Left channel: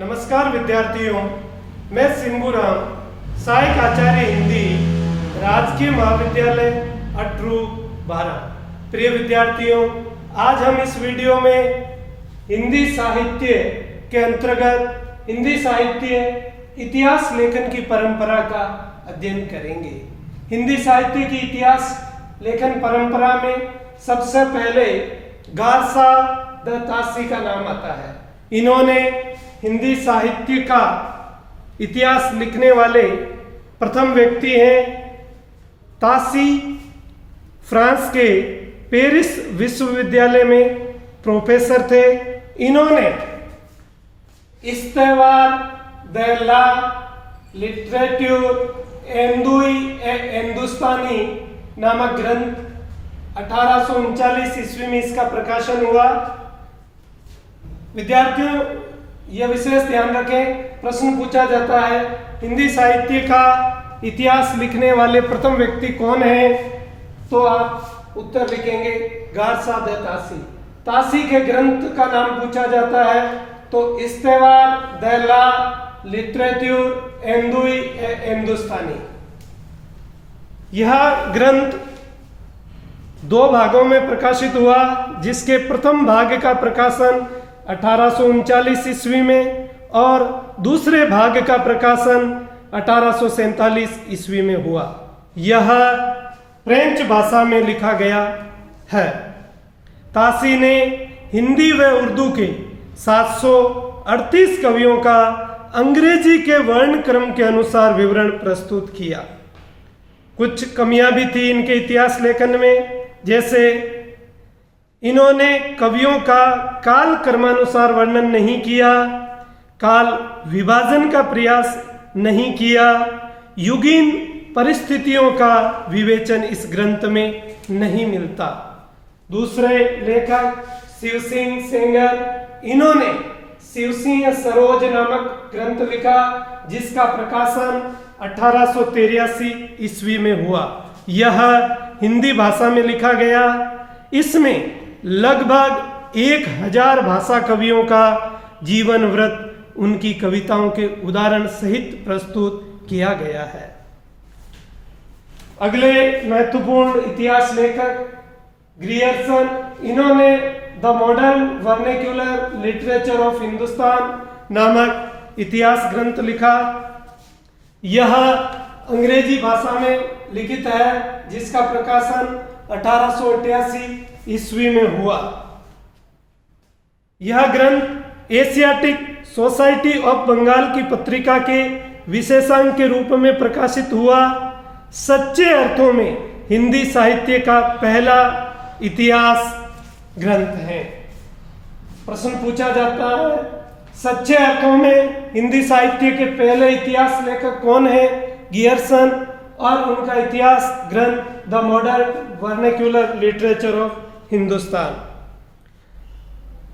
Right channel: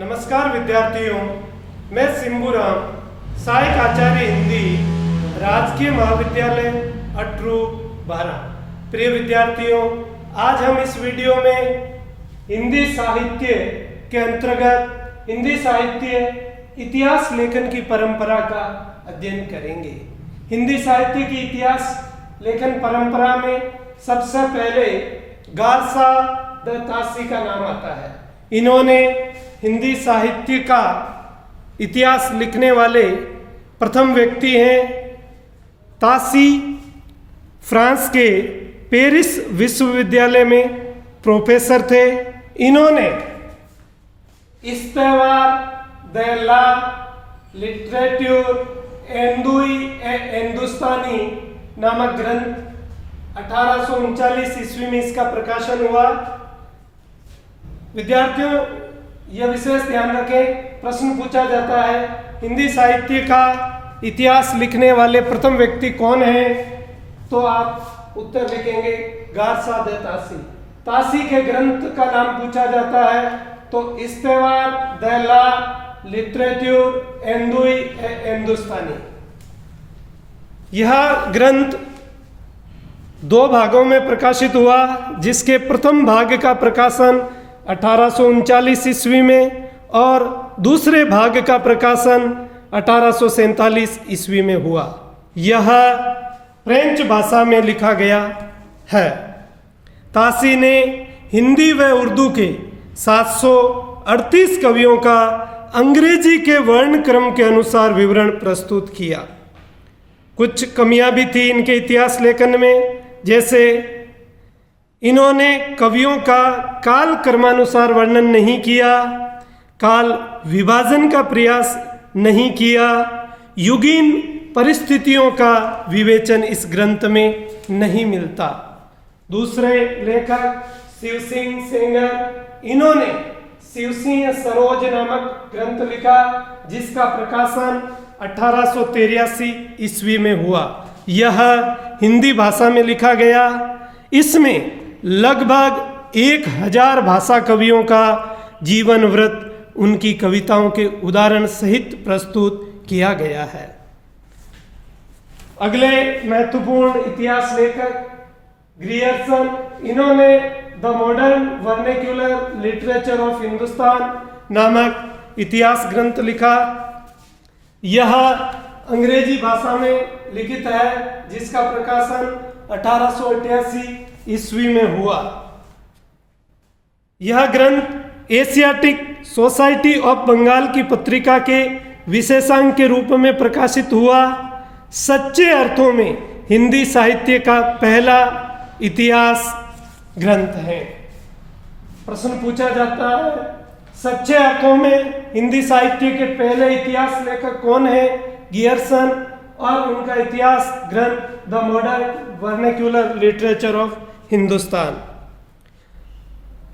नमस्कार विद्यार्थियों, मैं सिंबूराम, सहायक आचार्य हिंदी, राजकीय महाविद्यालय अटरू 12। प्रिय विद्यार्थियों, आज हम इस वीडियो में हिंदी साहित्य के अंतर्गत हिंदी साहित्य इतिहास लेखन की परंपरा का अध्ययन करेंगे। हिंदी साहित्य की इतिहास लेखन परंपरा में सबसे पहले गारसा द तासी का नाम आता है। इन्होंने हिंदी साहित्य का इतिहास लिखने वाले प्रथम व्यक्ति हैं। तासी फ्रांस के पेरिस विश्वविद्यालय में प्रोफेसर थे। इन्होंने इस्तेवार द ला लिटरेचर एंदुई ए हिंदुस्तानी नामक ग्रंथ 1839 ईस्वी में इसका प्रकाशन हुआ। विद्यार्थियों, यह विशेष ध्यान रखें, प्रश्न पूछा जाता है हिंदी साहित्य का इतिहास लिखने वाले प्रथम व्यक्ति कौन है, तो आप उत्तर लिखेंगे गारसा द तासी। तासी के ग्रंथ का नाम पूछा जाता है तो इस्तेवार द ला लिटरेचर एंदुई ए हिंदुस्तानी। यह ग्रंथ 2 भागों में प्रकाशित हुआ, जिसके प्रथम भाग का प्रकाशन 1839 ईस्वी में और दूसरे भाग का प्रकाशन 1847 ईस्वी में हुआ। यह फ्रेंच भाषा में लिखा गया है। तासी ने हिंदी व उर्दू के 738 कवियों का अंग्रेजी के वर्ण क्रम के अनुसार विवरण प्रस्तुत किया। कुछ कमियां भी थी इनके इतिहास लेखन में, जैसे इन्होंने कवियों का काल क्रमानुसार वर्णन नहीं किया, काल विभाजन का प्रयास नहीं किया, युगीन परिस्थितियों का विवेचन इस ग्रंथ में नहीं मिलता। दूसरे लेखक शिव सिंह सेंगर, इन्होंने शिव सिंह सरोज नामक ग्रंथ लिखा, जिसका प्रकाशन 1883 ईस्वी में हुआ। यह हिंदी भाषा में लिखा गया। इसमें लगभग 1000 भाषा कवियों का जीवन वृत्त उनकी कविताओं के उदाहरण सहित प्रस्तुत किया गया है। अगले महत्वपूर्ण इतिहास लेखक ग्रियर्सन, इन्होंने the modern vernacular literature of Hindustan नामक इतिहास ग्रंथ लिखा। यह अंग्रेजी भाषा में लिखित है, जिसका प्रकाशन 1888 ईस्वी में हुआ। यह ग्रंथ एशियाटिक सोसाइटी ऑफ बंगाल की पत्रिका के विशेषांक के रूप में प्रकाशित हुआ। सच्चे अर्थों में हिंदी साहित्य का पहला इतिहास ग्रंथ है। प्रश्न पूछा जाता है सच्चे अर्थों में हिंदी साहित्य के पहले इतिहास लेखक कौन है? गियर्सन, और उनका इतिहास ग्रंथ the modern vernacular literature of Hindustan.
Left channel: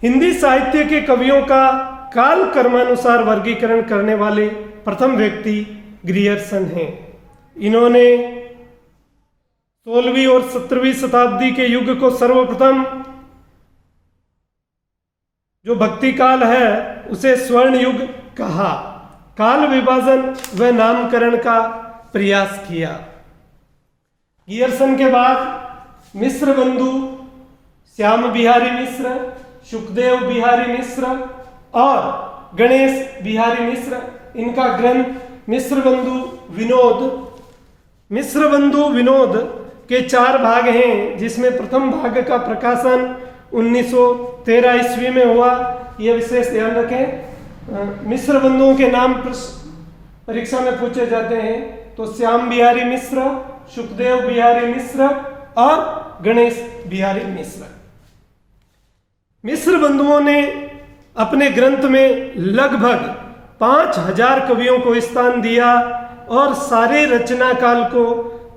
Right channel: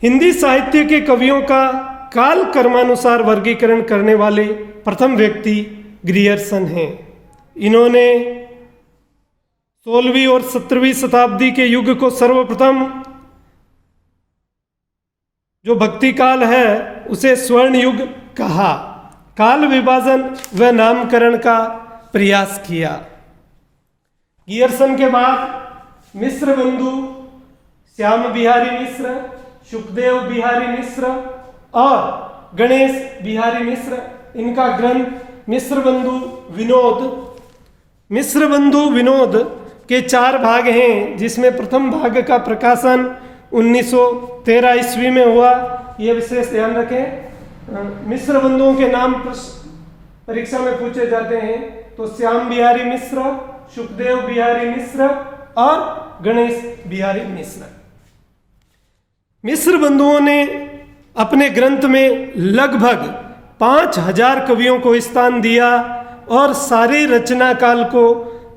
Hindi साहित्य के कवियों का काल क्रमानुसार वर्गीकरण करने वाले प्रथम व्यक्ति ग्रियर्सन हैं। इन्होंने 16वीं और 17वीं शताब्दी के युग को सर्वप्रथम, जो भक्ति काल है, उसे स्वर्ण युग कहा। काल विभाजन व नामकरण का प्रयास किया। गियर्सन के बाद मिश्र बंधु श्याम बिहारी मिश्र, सुखदेव बिहारी मिश्र और गणेश बिहारी मिश्र, इनका ग्रंथ मिश्र बंधु विनोद के 4 भाग हैं, जिसमें प्रथम भाग का प्रकाशन 1913 ईस्वी में हुआ। यह विशेष ध्यान रखें, मिश्र बंधुओं के नाम परीक्षा में पूछे जाते हैं, तो श्याम बिहारी मिश्र, सुखदेव बिहारी मिश्र और गणेश बिहारी मिश्र। मिश्र बंधुओं ने अपने ग्रंथ में लगभग 5000 कवियों को स्थान दिया और सारे रचना काल को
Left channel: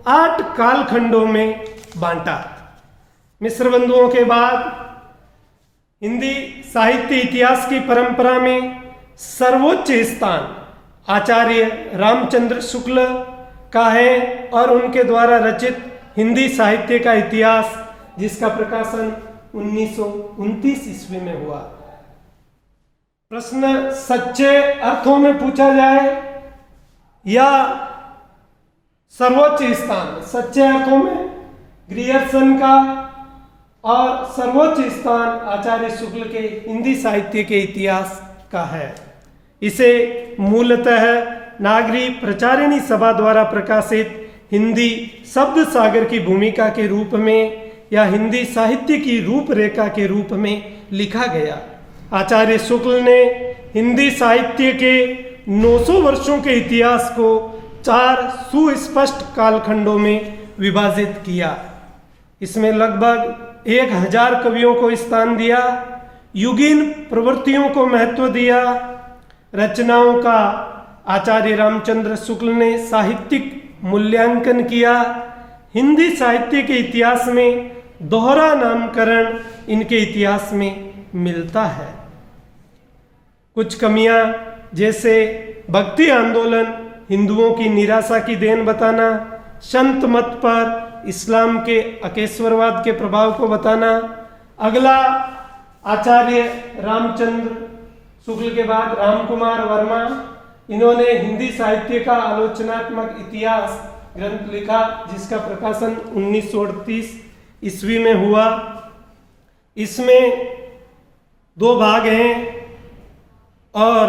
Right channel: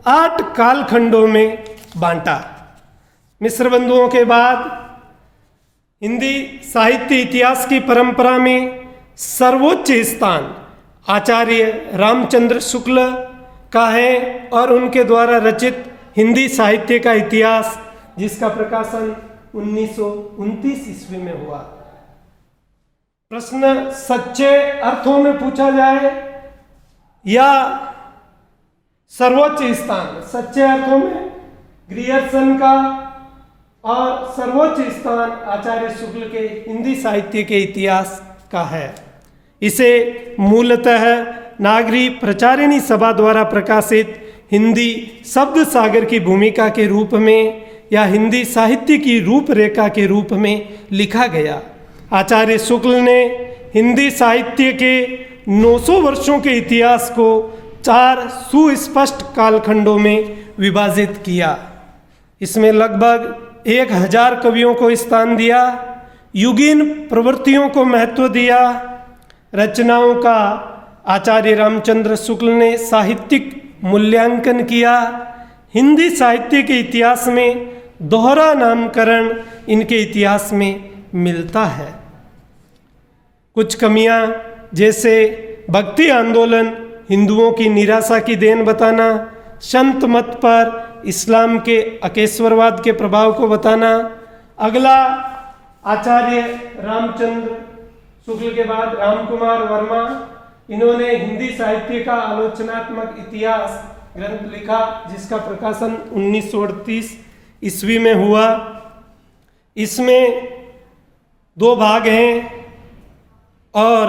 8 कालखंडों में बांटा। मिश्र बंधुओं के बाद हिंदी साहित्य इतिहास की परंपरा में सर्वोच्च स्थान आचार्य रामचंद्र शुक्ल का है और उनके द्वारा रचित हिंदी साहित्य का इतिहास, जिसका प्रकाशन 1929 ईस्वी में हुआ। प्रश्न सच्चे अर्थों में पूछा जाए या सर्वोच्च स्थान, सच्चे अर्थों में ग्रियर्सन का और सर्वोच्च स्थान आचार्य शुक्ल के हिंदी साहित्य के इतिहास का है। इसे मूलतः नागरी प्रचारिणी सभा द्वारा प्रकाशित हिंदी शब्द सागर की भूमिका के रूप में या हिंदी साहित्य की रूपरेखा के रूप में लिखा गया। आचार्य शुक्ल ने हिंदी साहित्य के 900 वर्षों के इतिहास को 4 सुस्पष्ट कालखंडों में विभाजित किया। इसमें लगभग 1000 कवियों को स्थान दिया, युगीन प्रवृत्तियों को महत्व दिया। रचनाओं का आचार्य रामचंद्र शुक्ल ने साहित्यिक मूल्यांकन किया। हिंदी साहित्य के इतिहास में दोहरा नामकरण इनके इतिहास में मिलता है। कुछ कमियां जैसे भक्ति आंदोलन हिंदुओं की निराशा की देन बताना, संत मत पर इस्लाम के अकेश्वरवाद के प्रभाव को बताना। अगला आचार्य रामचंद्र शुक्ल के बाद रामकुमार वर्मा, इन्होंने हिंदी साहित्य का आलोचनात्मक इतिहास ग्रंथ लिखा जिसका प्रकाशन 1938 ईस्वी में हुआ। इसमें 2 भाग हैं और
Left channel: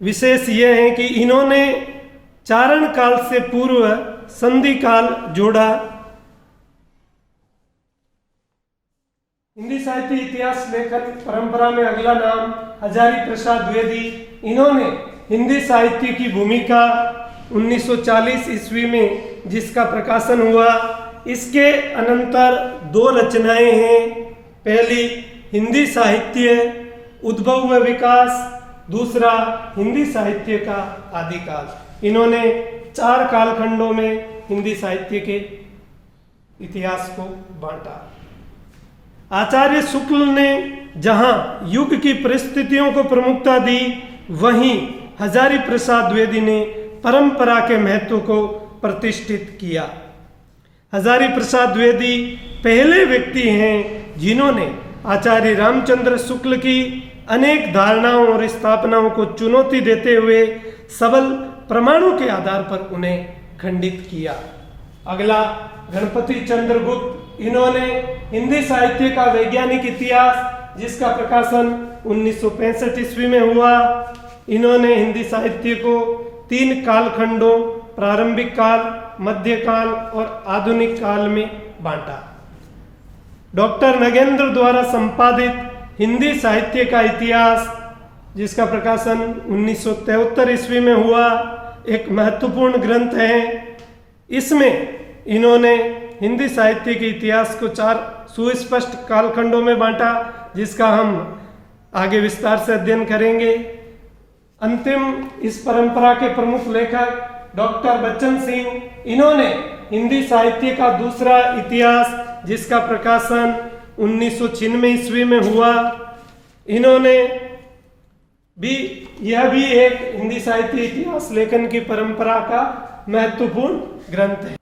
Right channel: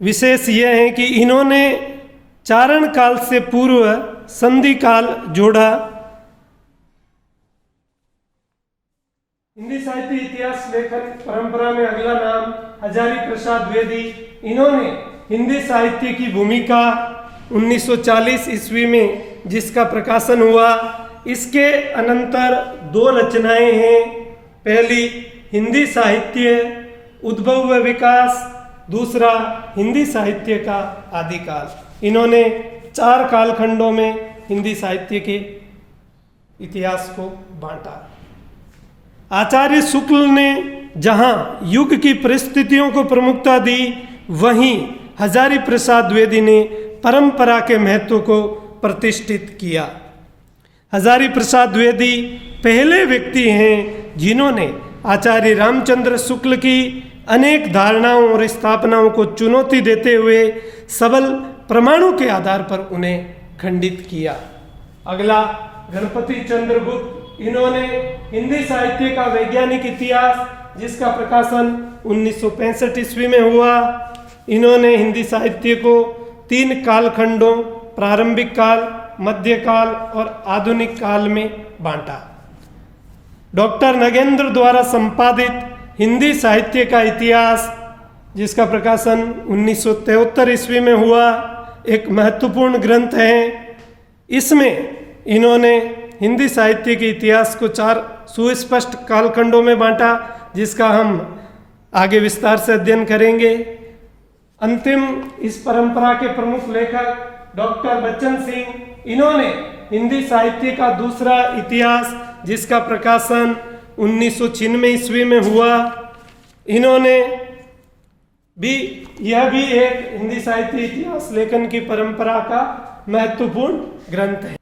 विशेष यह है कि इन्होंने चारण काल से पूर्व संधि काल जोड़ा। हिंदी साहित्य इतिहास लेखन परंपरा में अगला नाम हजारी प्रसाद द्विवेदी। इन्होंने हिंदी साहित्य की भूमिका 1940 ईस्वी में जिसका प्रकाशन हुआ। इसके अनंतर 2 रचनाएं हैं। पहली हिंदी साहित्य उद्भव व विकास, दूसरा हिंदी साहित्य का आदिकाल। इन्होंने 4 कालखंडों में हिंदी साहित्य के इतिहास को बांटा। आचार्य शुक्ल ने जहां युग की परिस्थितियों को प्रमुखता दी, वहीं हजारी प्रसाद द्विवेदी ने परंपरा के महत्व को प्रतिष्ठित किया। हजारी प्रसाद द्विवेदी पहले व्यक्ति हैं जिन्होंने आचार्य रामचंद्र शुक्ल की अनेक धारणाओं और स्थापनाओं को चुनौती देते हुए सबल प्रमाणों के आधार पर उन्हें खंडित किया। अगला गणपति चंद्रगुप्त, इन्होंने हिंदी साहित्य का वैज्ञानिक इतिहास जिसका प्रकाशन 1965 ईस्वी में हुआ। इन्होंने हिंदी साहित्य को 3 कालखंडों प्रारंभिक काल, मध्यकाल और आधुनिक काल में बांटा। डॉक्टर नगेंद्र द्वारा संपादित हिंदी साहित्य का इतिहास जिसका प्रकाशन 1973 ईस्वी में हुआ एक महत्वपूर्ण ग्रंथ है। इसमें इन्होंने हिंदी साहित्य के इतिहास को 4 सुस्पष्ट कालखंडों में बांटा जिसका हम आगे विस्तार से अध्ययन करेंगे। अंतिम इस परंपरा के प्रमुख लेखक डॉक्टर बच्चन सिंह, इन्होंने हिंदी साहित्य का दूसरा इतिहास जिसका प्रकाशन 1996 ईस्वी में हुआ। इन्होंने भी यह भी एक हिंदी साहित्य इतिहास लेखन की परंपरा का महत्वपूर्ण ग्रंथ है।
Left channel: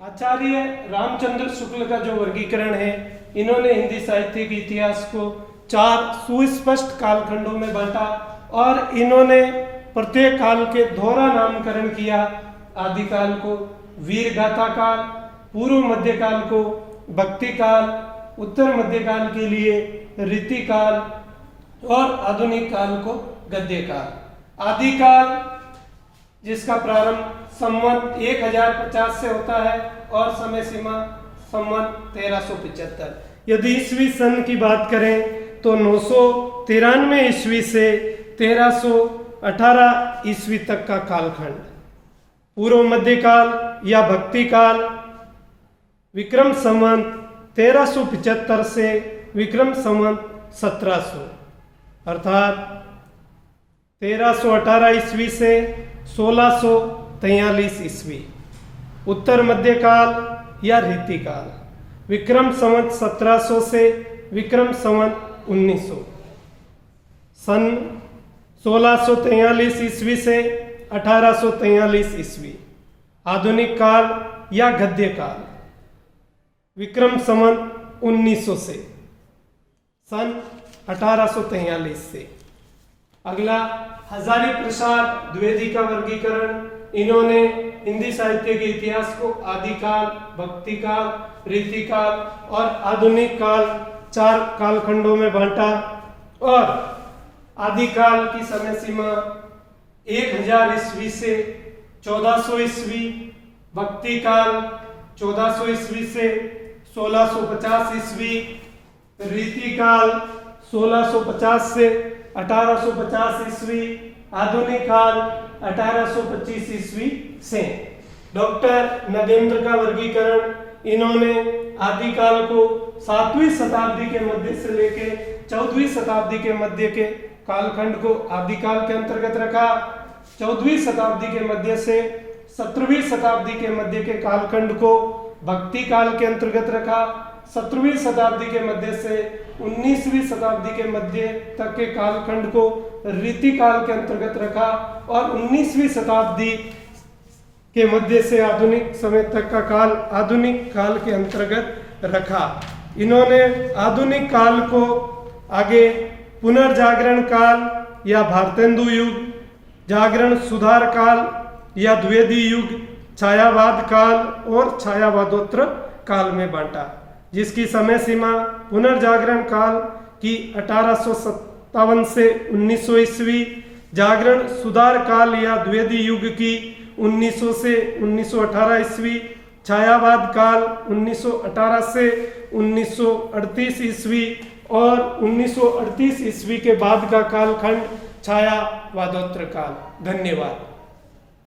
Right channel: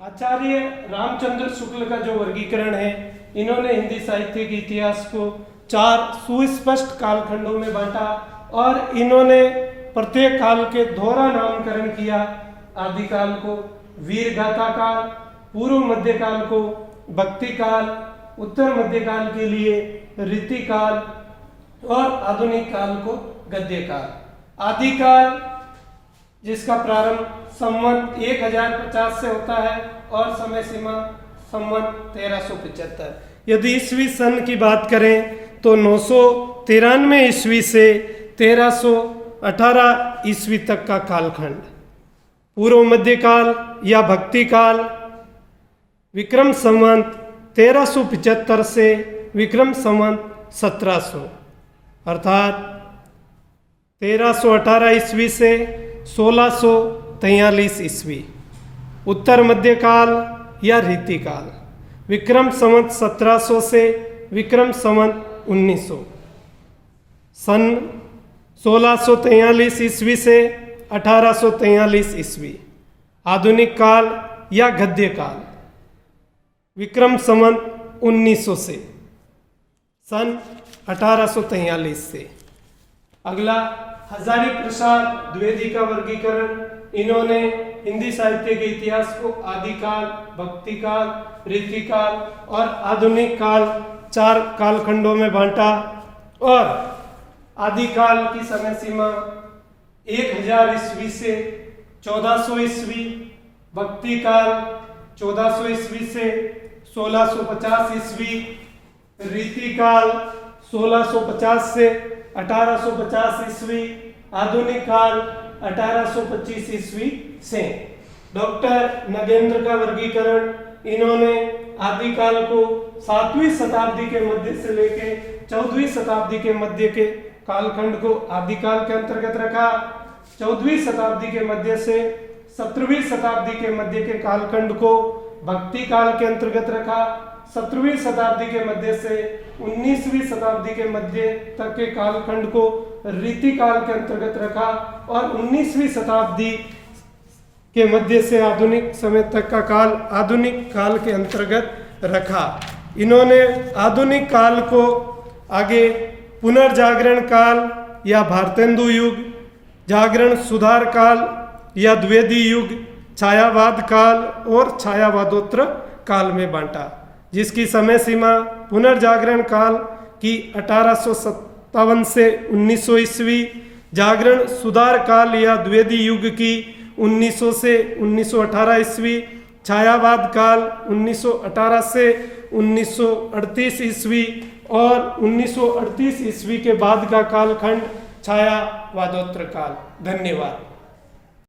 आचार्य रामचंद्र शुक्ल का जो वर्गीकरण है, इन्होंने हिंदी साहित्य के इतिहास को 4 सुस्पष्ट कालखंडों में बांटा और इन्होंने प्रत्येक काल के दोहरा नामकरण किया। आदिकाल को वीर गाथा काल, पूर्व मध्यकाल को भक्ति काल, उत्तर मध्यकाल के लिए रीतिकाल और आधुनिक काल को गद्य काल। आदिकाल जिसका प्रारंभ संवत 1050 से होता है और समय सीमा संवत 1375। यदि ईस्वी सन की बात करें तो 993 ईस्वी से 1318 ईस्वी तक का कालखंड। पूर्व मध्यकाल या भक्ति काल विक्रम संवत 1375 से विक्रम संवत 1700 अर्थात 1318 ईस्वी से 1643 ईस्वी। उत्तर मध्यकाल या रीतिकाल विक्रम संवत 1700 से विक्रम संवत 1900। सन 1643 ईस्वी से 1843 ईस्वी। आधुनिक काल या गद्य काल विक्रम संवत 1900 से सन 1843 से। अगला हजारी प्रसाद द्विवेदी का वर्गीकरण। इन्होंने हिंदी साहित्य के इतिहास को आदिकाल, भक्तिकाल, रीतिकाल और आधुनिक काल 4 कालखंडों में बांटा और आदिकाल की समय सीमा 1000 ईस्वी से 1400 ईस्वी, भक्ति काल 1400 ईस्वी से 1650 ईस्वी, रीति काल 1650 से 1850 ईस्वी, आधुनिक काल 1825 ईस्वी से। डॉक्टर नदेंद्र का वर्गीकरण। इन्होंने आदिकाल को 7वीं शताब्दी के मध्य से लेके 14वीं शताब्दी के मध्य के कालखंड को आदिकाल के अंतर्गत रखा। 14वीं शताब्दी के मध्य से 17वीं शताब्दी के मध्य के कालखंड को भक्ति काल के अंतर्गत रखा। 17वीं शताब्दी के मध्य से 19वीं शताब्दी के मध्य तक के कालखंड को रीति काल के अंतर्गत रखा और 19वीं शताब्दी के मध्य से आधुनिक समय तक का काल आधुनिक काल के अंतर्गत रखा। इन्होंने आधुनिक काल को आगे पुनर्जागरण काल या भारतेंदु युग, जागरण सुधार काल या द्विवेदी युग, छायावाद काल और छायावादोत्तर काल में बांटा, जिसकी समय सीमा पुनर्जागरण काल की 1857 से 1900 ईस्वी, जागरण सुधार काल या द्विवेदी युग की 1900 से 1918 ईस्वी, छायावाद काल 1918 से 1938 ईस्वी और 1938 ईस्वी के बाद का कालखंड छायावादोत्तर काल। धन्यवाद।